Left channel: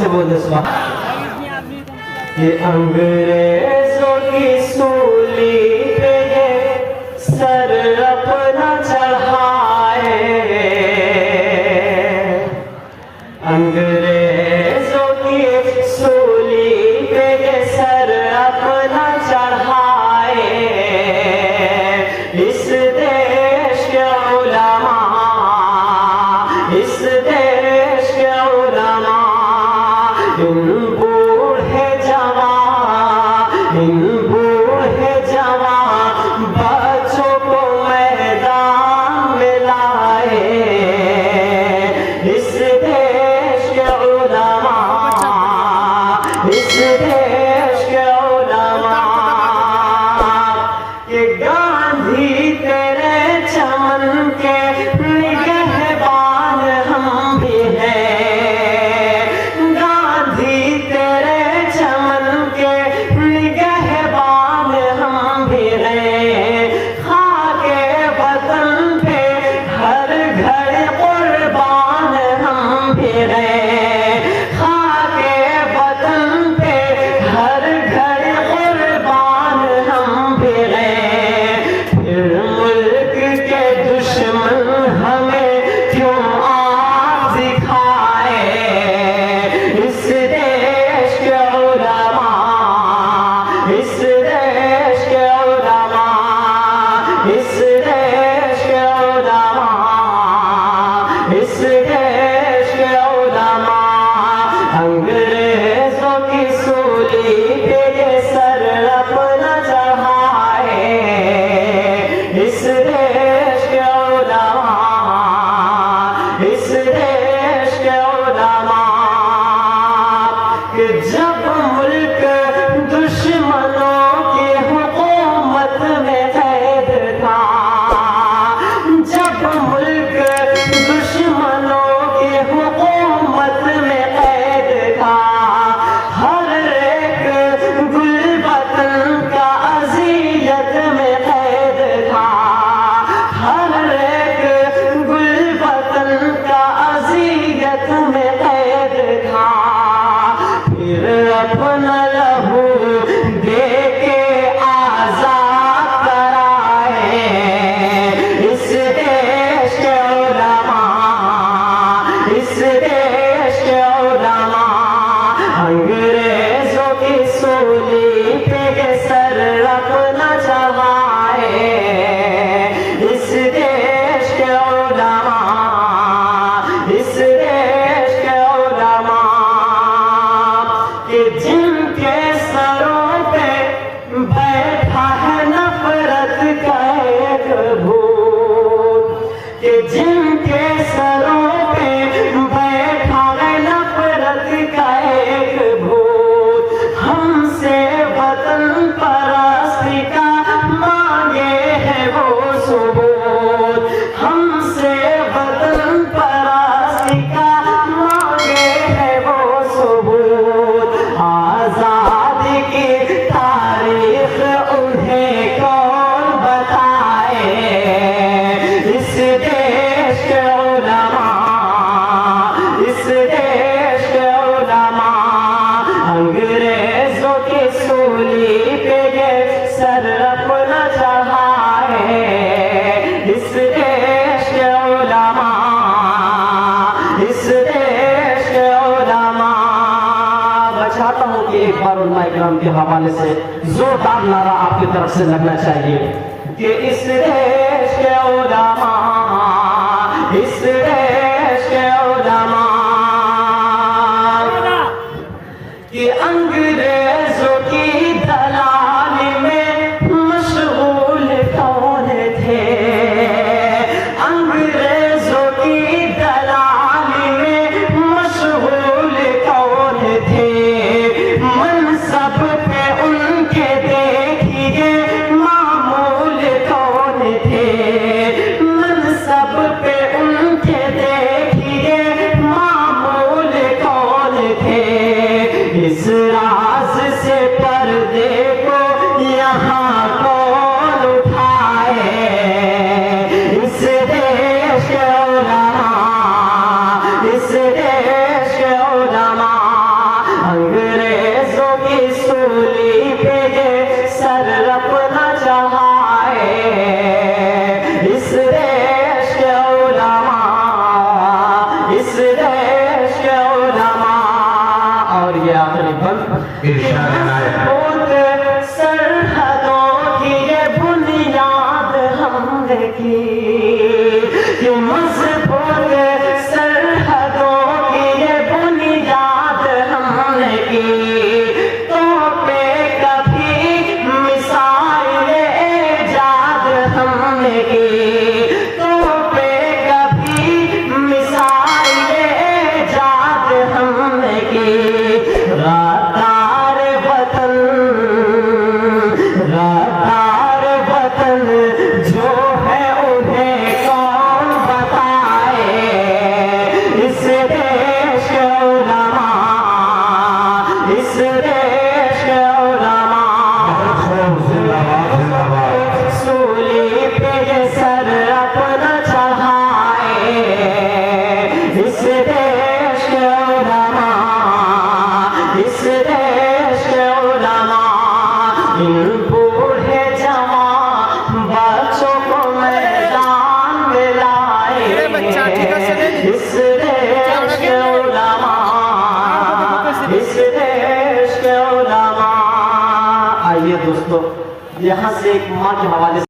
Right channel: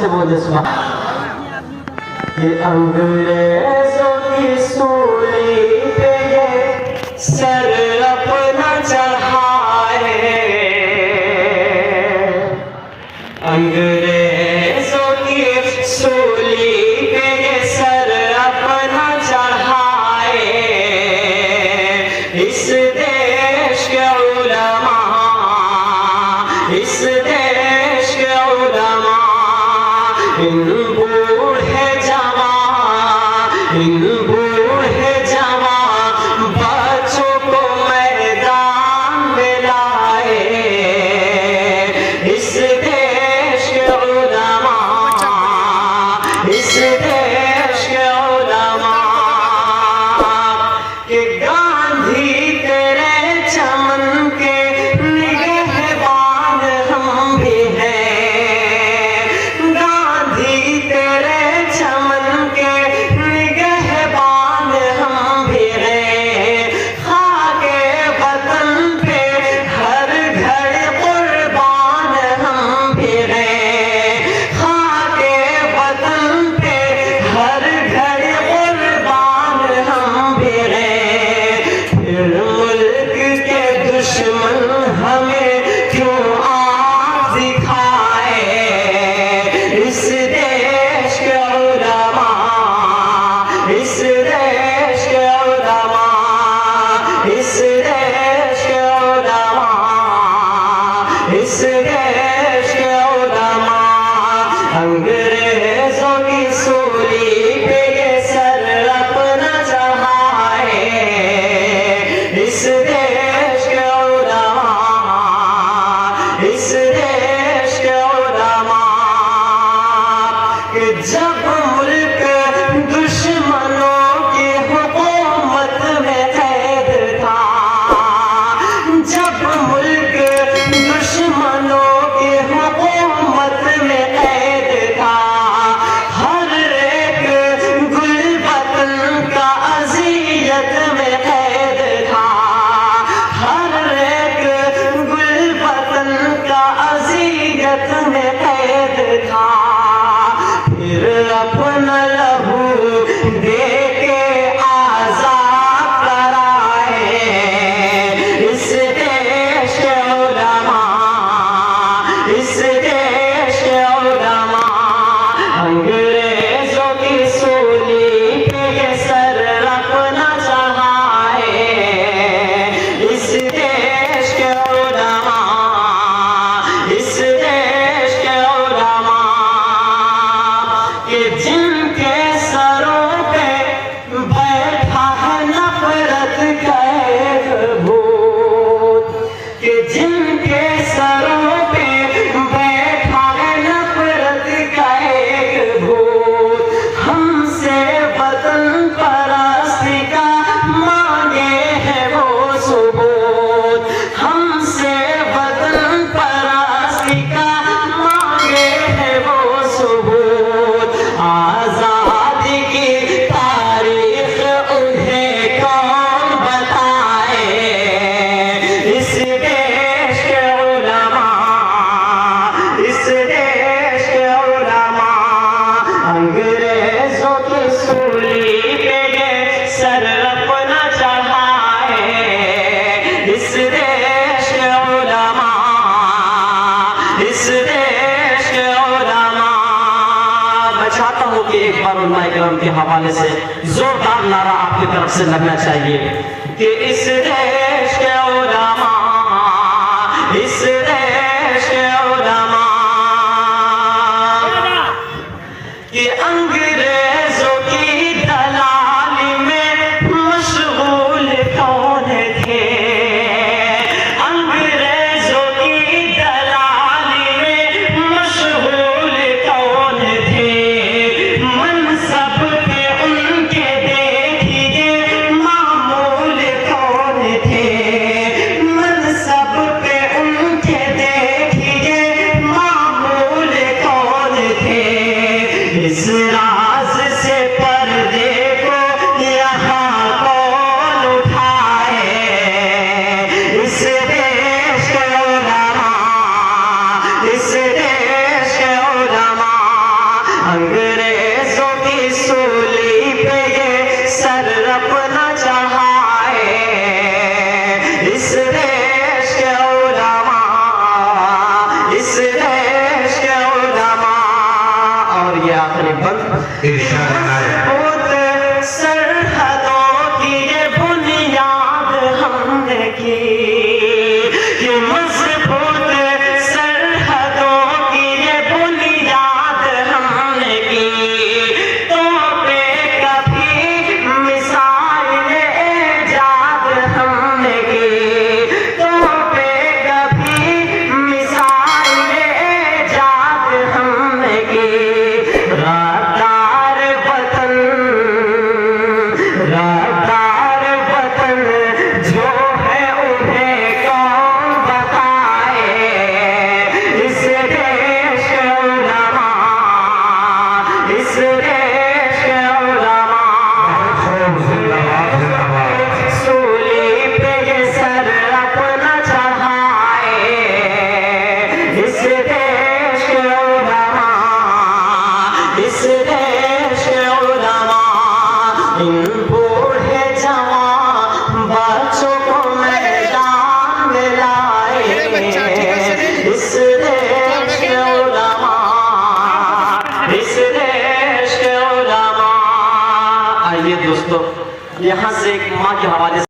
से बोल दे सुना कि अंग्रेजों की सूली पे ये सर अपना चढ़ाए, अंग्रेजों की सूली पे ये सर अपना चढ़ाए, इस देश के उलमा, इस देश के उलमा, इन बूढ़े जवान, इन बूढ़े जवान बच्चों को मैदान में लाए, इस देश के उलमा, इस देश के उलमा के गांधी तेरे चमन के निगहबान हम भी हैं, गांधी तेरे चमन के निगहबान हम भी हैं, खाके वतन पे हर घड़ी कुर्बान हम भी हैं, खाके वतन पे हर घड़ी कुर्बान हम भी हैं, फिर मुल्क के दुश्मन हमें क्यों आँख दिखाए, इस देश के उलमा, इस देश के उलमा, इस देश के उलमा, इस देश के उलमा, अंग्रेजों की सूली पे ये सर अपना चढ़ाए, इस देश के उलमा, इस देश के उलमा कि जब मुल्क दुश्मनों की हुकूमत में कैद था, जब मुल्क दुश्मनों की हुकूमत में कैद था, हर एक गुलबतन का अज़ियत में कैद था, हर एक गुलबतन का अज़ियत में कैद था, फिर अपना लहू दे के आज़ाद कराए, इस देश के उलमा, इस देश के उलमा, अंग्रेजों की सूली पे ये सर अपना चढ़ाए, इस देश के उलमा, इस देश के उलमा कि जिनके सरों पे बैठा है नफरत का एक भूत, कि जिनके सरों पे बैठा है नफरत का एक भूत, हमसे वतन परस्ती का मांगे है वो सबूत, हमसे वतन परस्ती का मांगे है वो सबूत, आजादी की तारीख उन्हें कौन बताए, इस देश के उलमा, इस देश के उलमा, अंग्रेजों की सूली पे ये सर अपना चढ़ाए, इस देश के उलमा, इस देश के उलमा। मैं चाहता हूँ कि एक बार उलमा इकराम के हवाले से जोरदार नारा आपकी तरफ से लगना चाहिए कि इस देश के उलमा, इस देश के उलमा कि अंग्रेजों की दलाली में मशगूल कौन थे, अंग्रेजों की दलाली में मशगूल कौन थे, मनसब पे उनके देखिए मामूल कौन थे, मनसब पे उनके देखिए मामूल कौन थे, इस राज से पर्दे को यहाँ कौन उठाए, इस देश के उलमा, इस देश के उलमा अंग्रेजों की सूली पे ये सर रखना चाहे, इस देश के उलमा, इस देश के उलमा। और ये आखिरी बंद सरहदों की ये बुनियाद हमने की, कि मजबूत सरहदों की ये बुनियाद हमने की। तो पे कभी मिसाइल इजाद हमने की, तो पे कभी मिसाइल इजाद हमने की। रादार वतन जो है उन्हें कौन बताए, इस देश के उलमा, इस देश के उलमा। सूली पे ये सर अपना चढ़ाए, इस देश के उलमा, इस देश के उलमा। इन बूढ़े जवान बच्चों को मैदान में लाए, इस देश के उलमा, इस देश के उलमा। आइए दोस्तों, यहाँ से एक माँ के हवाले से